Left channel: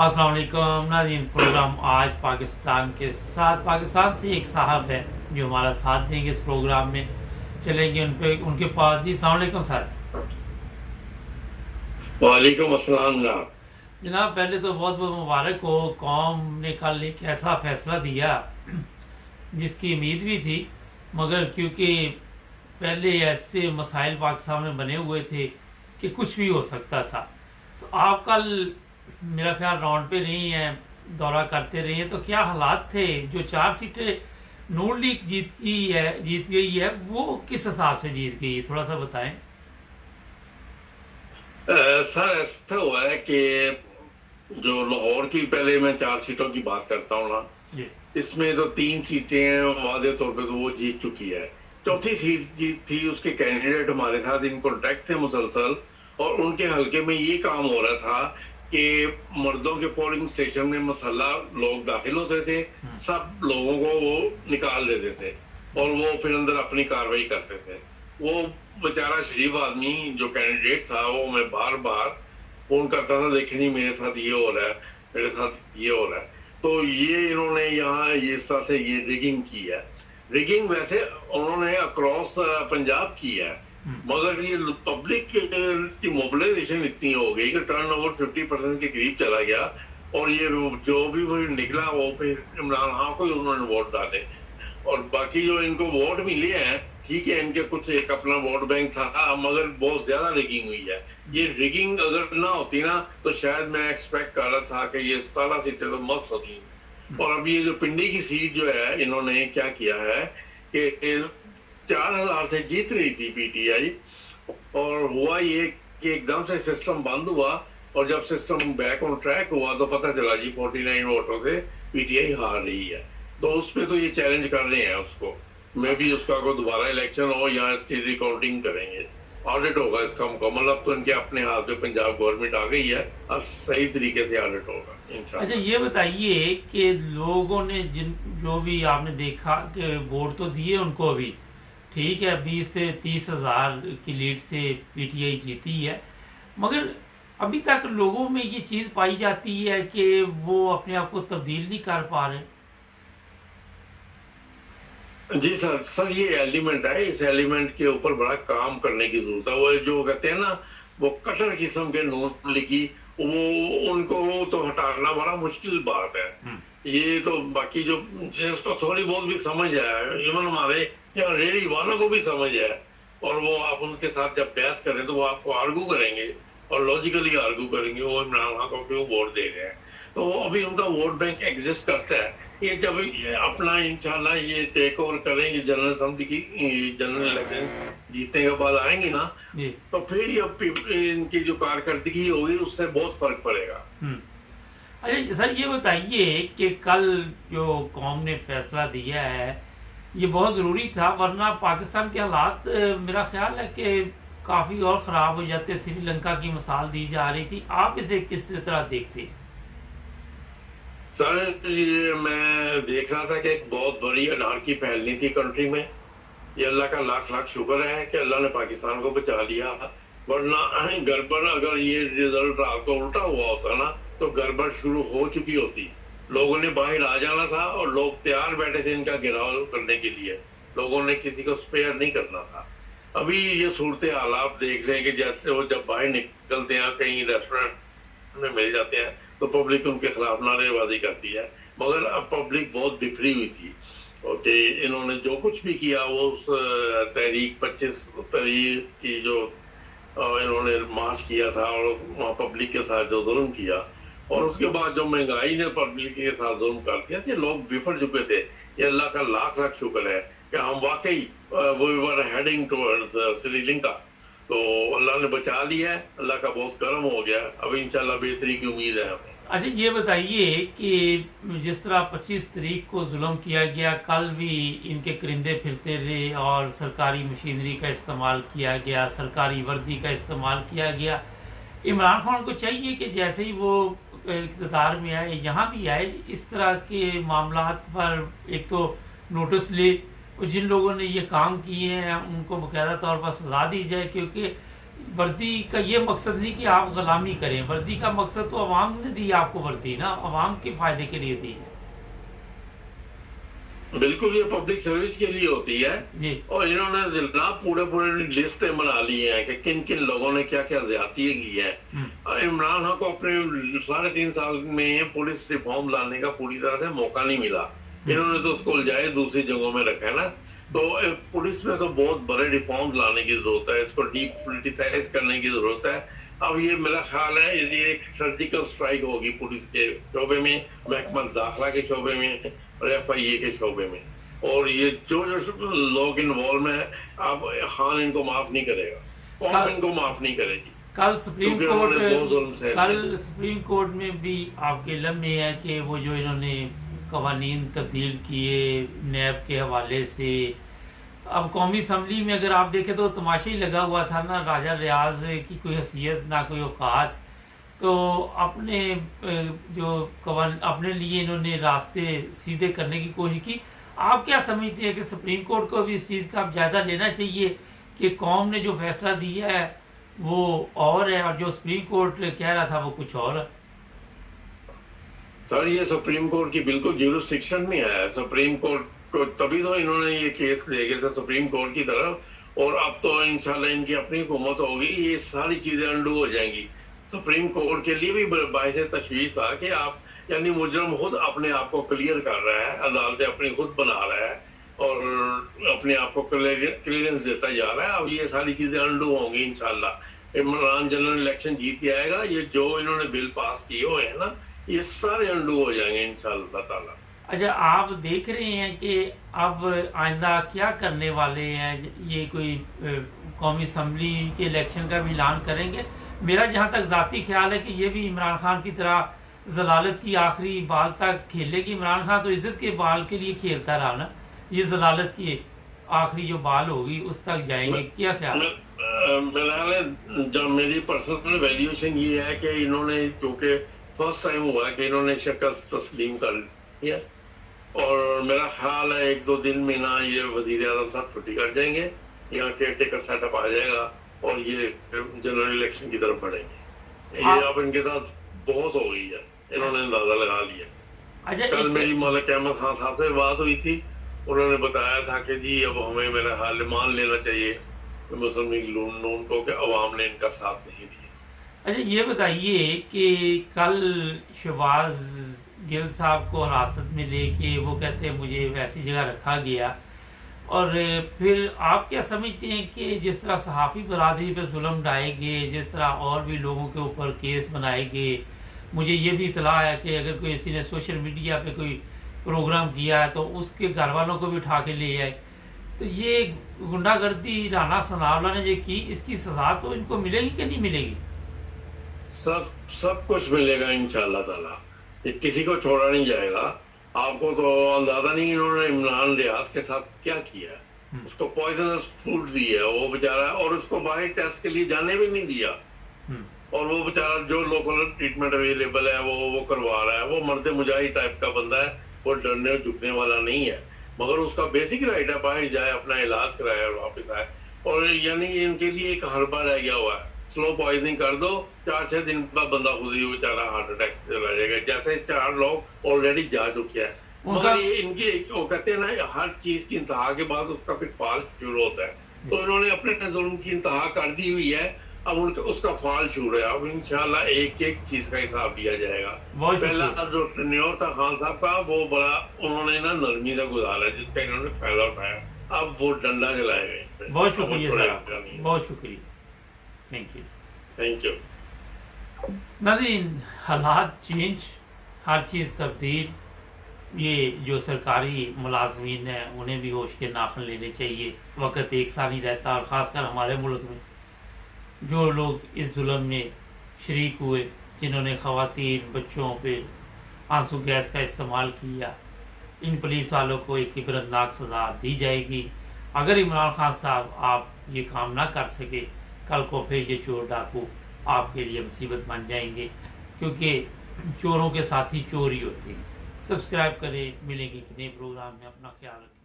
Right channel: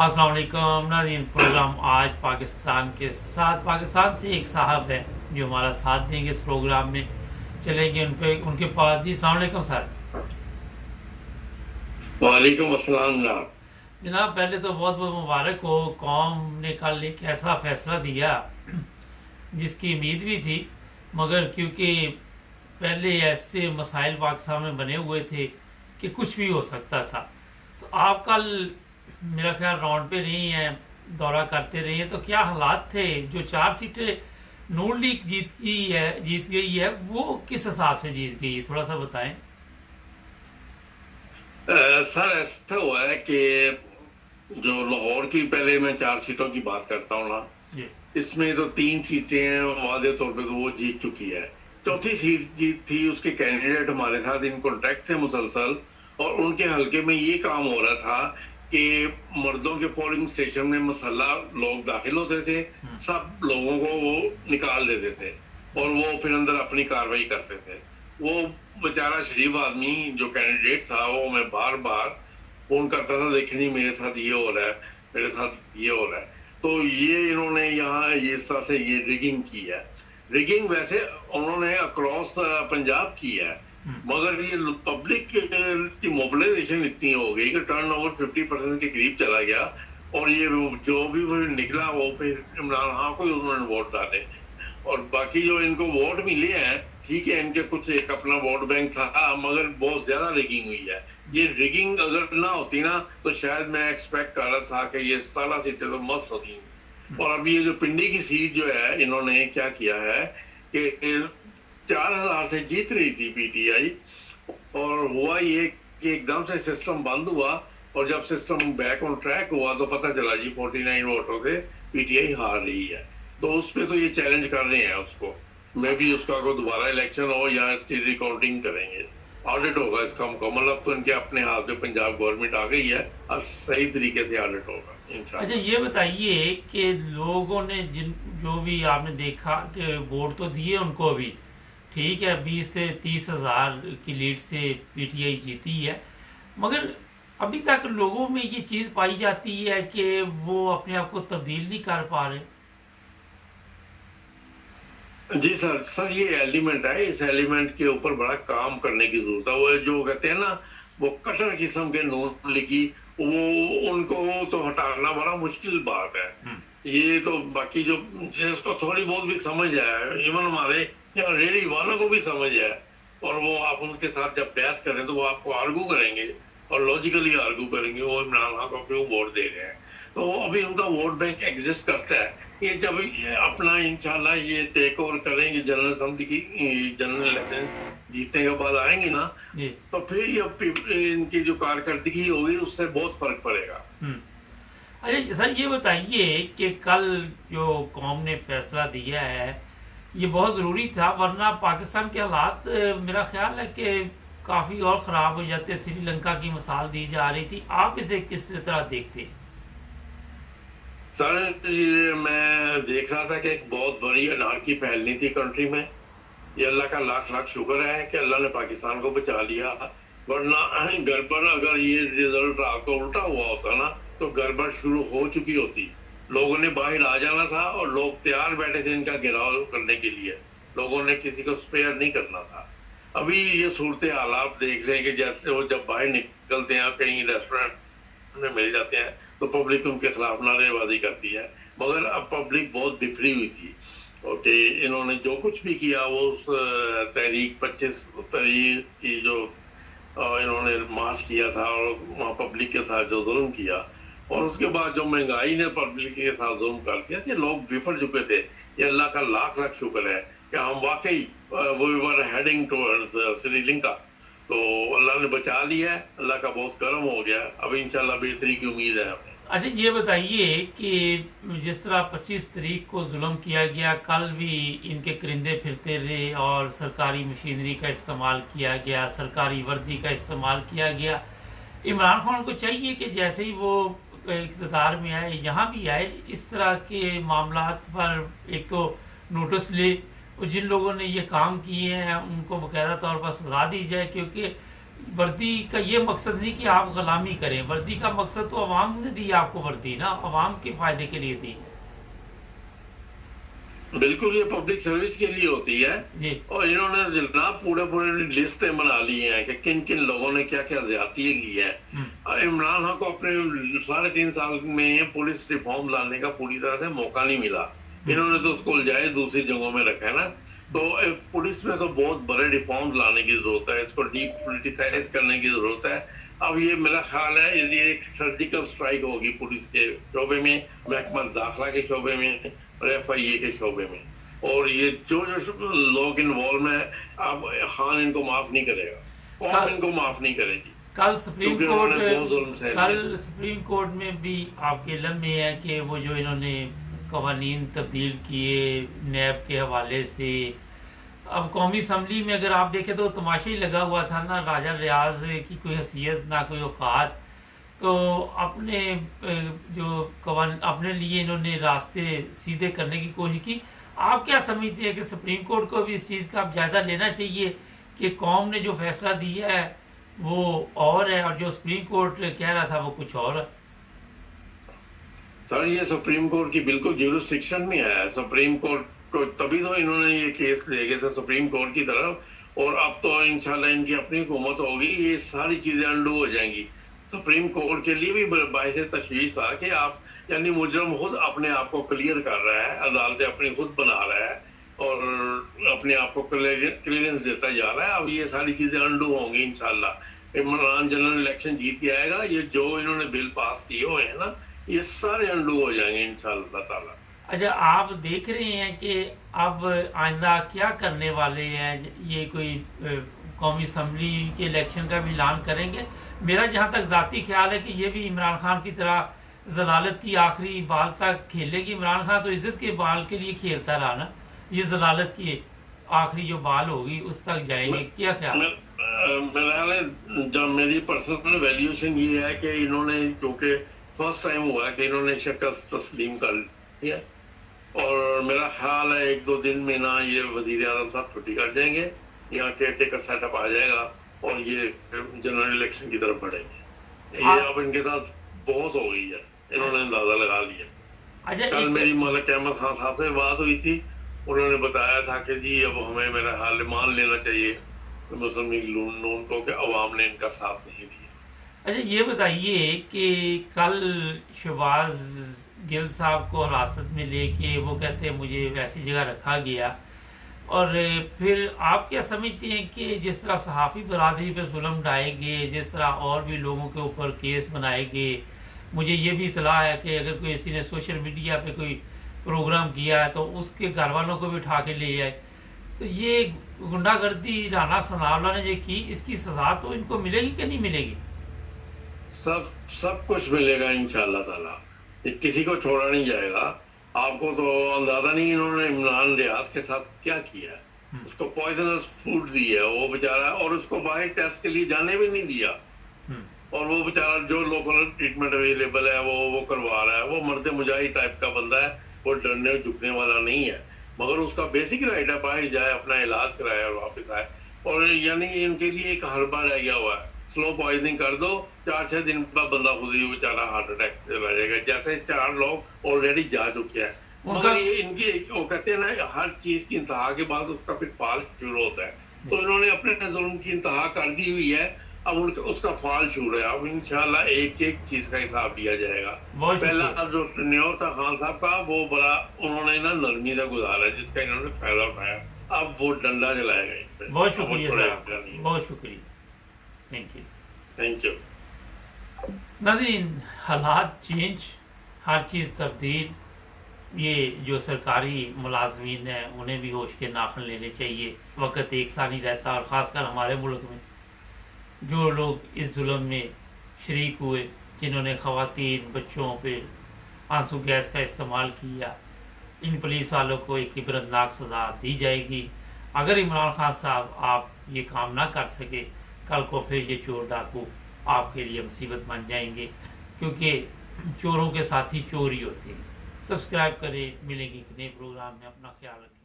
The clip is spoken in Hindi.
अस्सलाम वालेकुम नाज़रीन। प्रोग्राम आज पाकिस्तान के साथ, पाकिस्तान से एक साहब है जो हमारा साथ देंगे इस प्रोग्राम में। चलेंगे उन पे, उनके पास। जी अस्सलाम वालेकुम सर। वालेकुम अस्सलाम जनाब। जनाब पहले तो बहुत बहुत मुबारक हो, कौम ने कल एक ऐसा फैसला दिया जिसकी उम्मीद भी थी, मगर क्योंकि पहले ऐसे मसाइल पाकिस्तान में बने हुए थे कि कुछ भी हो सकता था। तो आप कल मेरा ख्याल राउंड पे रही हैं, दौरा करते रही हैं, तो क्या हालात थे? जो 4 सीटें नून लीग जीत गई है, वो किस हिसाब से जीत गई है, थोड़ा सा बताएं। सर ऐसा हुआ है कि जो लाहौर की, पहले मैं 4 सीटों की बात करता हूँ ना, जी। इसमें तो 3 सीटें वादे तौर पे तो वो जीत चुकी है। चौथी सीट जीत थी, उसके कैंडिडेट हमारे साथ इन कॉन्टेक्ट थे मुसलसल, और उनके हलके में ये काम हो रहा था कि मर्दों के पोलिंग स्टेशन में मसल्ला लोग दाखिल होते थे, सब लोगों को वो निकाल देते थे और वो फिर अंदर अपनी कार्रवाई करते थे। वो बेचारा शरीफ आदमी जो कैंडिडेट था, वो मैं बार बार फोन करता था, देखे नहीं मेरे साथ ये हो रहा है, मेरे साथ ये हो रहा है। तो ये इन्होंने यहाँ ये इस तरह से ये रिगिंग की है। रिगिंग वैसे उन्होंने अक्रॉस पंजाब की है, मगर ये पब्लिक की मोबिलाइजेशन इतनी हो गई कि टर्न ओवर 50% के करीब चला गया, और ये जो भी वो निकला वो फिर इमरान खान को ही उन्होंने वोट डाले। और बाकी जो इनको वोट मिले हैं, ठीक है, इनके कुछ एक अपना वोट बैंक था, मगर बहुत ज्यादा रिगिंग हुई है। ये रिगिंग अगर ना होती ना, तो शायद मैं एक्सपेक्ट कर रहा था कि ये 17 सीटें तो मस्त होती। और अब ये जो पिंडी की सीट जो है, इन्होंने क्या किया है कि 4,000 से जीत रही थी पीटीआई, और हुआ ये कि एकदम से सिस्टम बंद हुआ, और जब सिस्टम बैक ऑन ट्रैक हुआ तो पता चला जी 49 वोटों से पीटीआई हार रही है। तो उस पे तो ये चैलेंज कर रहे हैं उसको, मे भी उसका कोई दोबारा इलेक्शन हो या इसकी रिकाउंटिंग करेंगे, ऑडिट होगा इसका मुकम्मल। अब तो इनके अपने हाथ में पंजाब गवर्नमेंट आ गई है, अब सही तरीके से ऑडिट होगा अच्छा इंशाल्लाह। ये बताइए कि लोगों ने जिन जो भी आपने देखा कि वोट तो दिए उनको भी, ठीक है, 20 से 30 हज़ार की लीड से पीटीआई जीती है, मगर अभी तक लोगों में ये चीज़ पाई जाती है कि वो अपने आप को तब्दील नहीं कर पा रहे। जी सर, सर ये एलिमेंट है, इस एलिमेंट के ऊपर बड़ा काम करने की जरूरत है। वो जो कहते हैं ना, वो कटर किस्म के नून लिखी, वो उनको तो हटाना बड़ा मुश्किल बात है। ये तो बाकी जो जिसको थोड़ी बहुत भी समझ है, इवन हमारे यहाँ रेडी वालों को भी समझ है, और वो आप उनके साथ जब बहस करें तो वो आपको आर्गू करेंगे, और लॉजिकली आर्गू करेंगे वो इमरान खान को क्यों वोट दे रहे हैं। तो अभी उनका वोट बैंक एग्जिस्ट करता है। ये जब ये अपना इंशाल्लाह ये टेक ओवर करेंगे, जनरल असेंबली की जनरल इलेक्शन जीतने के बाद आएंगी ना, जी। तो फिर ये इनकी जो कारकर्दगी होगी उससे बहुत फर्क पड़ेगा। अच्छा सर ये बताइए कि कल जो कौम ने फैसला दिया है ये बहुत ज़रूरी था, वरना पाकिस्तान के हालात मेरा ख्याल है कि काफ़ी और ख़राब हो जाते। श्रीलंका की मिसाल दी जा रही थी, आप इसे किस तरह देखते हैं? सर ये मैं देख रहा था कि एक बहुत बड़ी अनारकी फैलनी थी कंट्री में। ये अल्लाह का लाख लाख शुक्र है कि अल्लाह ने पाकिस्तान को बचा लिया, वरना गड़बड़, अगर ये रिजल्ट रात को उल्टा हुआ होता ना, तो गड़बड़ शुरू हो चुकी होती। लोगों ने बाहर आ जाना था और लोग तैयार बैठे थे इनका घेराव करने के लिए, लोगों ने किसी को स्पेयर नहीं करना था। अभी ये सूरत हाल आप देख रहे हैं कि जैसे वो जब बाहर निकलते हैं, कहीं रेस्टोरेंट में मिल जाते हैं, तो पब्लिक उनके खिलाफ नारेबाजी करती है। मगर अब पब्लिक बहुत बिखरी हुई थी, ओके, इन्होंने जो कुछ भी किया वो उस तहरीक 25 तारीख की जो इन्होंने मार्च किया था, और वहाँ पब्लिक के साथ जो जुल्म किया, और उसके बाद जो महंगाई ने पब्लिक के साथ जुल्म कर दिया, ये लोग बिफर चुके थे। ये अल्लाह का लाख लाख शुक्र है कि हम वाकई we were heading towards Sri, तो अल्लाह ने बचा लिया है, अल्लाह का बहुत करम हो गया। अब इंशाल्लाह बेहतरी की उम्मीद है हमें। अच्छा ये बताइए कि जिस तरह 25 तारीख को जुल्म किया गया, कल भी इनके परिंदे फिरते रहे और सरकारी मशीनरी का इस्तेमाल किया गया, सरकारी वर्दी का इस्तेमाल किया गया। इमरान खान को चाहिए कि जैसे ही वो इक़्तिदार में आए, यहाँ भी आए, इस तरह के मामलात पर एक तो नोटिस ले, और जिन लोगों ने ये काम किए हैं उनको बाकायदा तौर पर सजा दी जाए, क्योंकि वर्दी का ये मकसद नहीं कि आप गुलामी करें, वर्दी का मकसद तो अवाम ने दी आपको वर्दी ना, अवाम के फायदे के लिए दी है। बिल्कुल, ये पब्लिक सर्विस के लिए होती है। जी। और इन्होंने जनाब पूरे पूरे लिस्टें बना ली हैं कि किन किन लोगों ने क्या क्या ज्यादतियां की है। इमरान खान को अपने 3.5 साल में पुलिस रिफॉर्म लाने का पूरी तरह से मौका नहीं मिला। इन्होंने तो उसको उलझाए दूसरी जगहों में रखा है ना। तो पुलिस में तो बहुत बड़े रिफॉर्म लाने की जरूरत है, इसको डीप पोलिटिसाइज करने की जरूरत है। अब ये मेरा ख्याल है ये एक सर्जिकल स्ट्राइक होगी पुलिस के शोबे में, महकमा दाखिला के शोबे में और FIA के शोबे में। और ये जो जो लोग इन्वॉल्व है, अब खान इनको माफ नहीं करेगा, कौन इनको माफ नहीं करेगी। कल सुप्रीम क्योंकि उन्होंने बहुत जुल्म कोर्ट सहे कल सुप्रीम कोर्ट में भी आपके इल्म में है कि वो जो इन्होंने कवानीन तब्दील किए नैब के हवाले से, अब कौमी असम्बली में अगर आप देखें तो तमाशा ही लगा हुआ था ना, राजा रियाज की कोई हैसियत ना कोई औकात। तो अपने अपने लिए इन्होंने रास्ते सीधे करने की कोशिश की। आप क्या समझते हैं कि सुप्रीम कोर्ट को भी इस चीज़ का अब जायजा लेना चाहिए कि कौम ने जो फैसला दिया है वो और है और जो सुप्रीम कोर्ट कह रहा था वो कुछ और है? सर, ये सुप्रीम कोर्ट की बिल्कुल ज्यूरिसडिक्शन में है। सुप्रीम कोर्ट को तभी तो इन्होंने ये केस ले गए थे सुप्रीम कोर्ट की तरफ, और अब तो इंशाल्लाह इनकी अपनी हुकूमत होगी, ये सारी चीजें अंडू हो जाएंगी। सुप्रीम कोर्ट के लिए भी बायस तशवीश था कि आप यानी मुजरम खुद अपने आप को क्लियर कर रहा है, अदालतें अपनी खुद बना रहा है और अपने आप को क्लियरेंस देता जा रहा है। अब ये सारी चीजें अंडू होंगी इंशाल्लाह। इमरान जनरल इलेक्शन जीत के आएगा, ये जो इन्होंने बिल पास किए हुए हैं ना, ये सारे अंडू हो जाएंगे इंशाल्लाह ताला। अच्छा, आप देख रहे हैं कि अब आइंदा क्या करने वाले हैं? ये कोई कौमी असम्बली के इलेक्शन का भी ऐलान करेंगे? मेरा जहां तक जाती ख्याल है कि ये भी इमरान खान की तरह जलालत की आखिरी बाल तक खेलेगी। इमरान खान तो इज्जत के बाल के लिए खेलता रहा ना, ये जलालत की आखिरी जो बाल होगी उस तक जाएंगे, क्या ख्याल है? मेरा जो मेरी पर्सनल वैल्यूएशन ये है कि इन्होंने, क्योंकि फर्स्ट टाइम हुआ है कि इन्होंने शिकस्त तस्लीम कर लिया, और मेरा ख्याल है 1-2 दिन में ना ये वजीर आजम साहब छुट्टी कर जाएंगे, यहाँ केयर टेकर सेटअप आ जाएगा और ये जनरल इलेक्शन की तरफ बढ़ेंगे। ये अब इनके साथ बहुत हो गई है, इन्होंने अंदाजा लगा लिया। अच्छा, कल मेरी मलिक अहमद खान साहब से बात हुई थी, उन्होंने बताया था कि जी अब हमें मेरा हाल मान लेना चाहिए मुस्लिम लीग नून को कि अवाम ने इनका साथ नहीं दिया। अच्छा, ये बताइए कि कल शहबाज गिल साहब को हिरासत में लेके वो कहते हैं मुझे वैसी जगह रखा गया, और फिर आप क्या समझते हैं कि जिस तरह सहाफ़ी बरादरी पे जुल्म ढाए गए, जिस तरह और भी लोगों के ऊपर केस बनाए गए, मुझे ये भी इतला है कि अगर कोई किसी ने सोशल मीडिया पे कोई प्रोग्राम किया है तो उसके घर वालों को भी उठा के ले आए, तो ये गुंडागर्दी राना सनावला ने जो की, इसकी सजा तो इनको मिलेगी कि नहीं मिलेगी? सब कुछ मिलेगा इंशाल्लाह ताला, ये किसी को छोड़ा नहीं जाएगा। आपको तो अंदाजा नहीं इन्होंने इमरान रियाज के साथ क्या किया है। उसको पॉइजनस फूड दिया वो बेचारा, और उसको बाहर टेस्ट के लिए जाने भी नहीं दिया, और वो बेचारा जो लोकल ट्रीटमेंट अवेलेबल है वो करवा रहा है। वो मर्द मुजाहिद टाइप का बंदा है, वो डरने झुकने वाला नहीं है, मगर उसका बेसिक राइट है बाहर जाए, अपना इलाज कराए और वापस आए। और यानी इनके लिए एक हरबा रह गया हुआ है, स्लो पॉइजनिंग कर दो, 4-6 दिन बाद बंदा खुद ही बेचारा हार्ट अटैक चला जाएगा, जैसे 4 लोग ऑलरेडी जा चुके हैं। मगर ये इनकी वो कहते हैं ना, हर चीज की इंतहा के बाद उसका फिर फाल शुरू होता है। तो इन्होंने अपने जुल्म की इंतहा कर दी हुई है, अब उसका फाल शुरू है। अब इंशाल्लाह एक एक चीज का हिसाब दिया जाएगा। पहला जो टेन्योर था खान साहब का, वो बड़ा उन्होंने ना नरमी से गुजारा, जिसका इन्होंने फायदा उठाया। अब वो डंडा चलाएगा। बहुत शुक्रिया सर, बहुत शुक्रिया, थैंक यू। नाज़रीन, हालात चेंज, हर चीज़ तब्दील। ये जो सरकारी मुलाजमीन हैं उन्हें भी होश के नाखन लेने चाहिए। वक्त एक सा नहीं रहता, और ख़ासकर हमारे मुल्क में जो लोग इस जुल्म में शरीक हुए, जिन्होंने ख़वातीन बच्चों पे आंसू गैस का इस्तेमाल किया, इन पुलिस वालों को एक इबरतनाक सज़ा दी जाएगी। अगर इमरान खान साहब आप ये काम ना कर सके, कल को फिर ये चोर डाकू आपके लिए मुसीबत बन जाएंगे, क्योंकि चोरों के साथी चोर ही होते हैं। सब्सक्राइब करें, मिलेंगे एक नए प्रोग्राम में। अपना ख्याल रखें।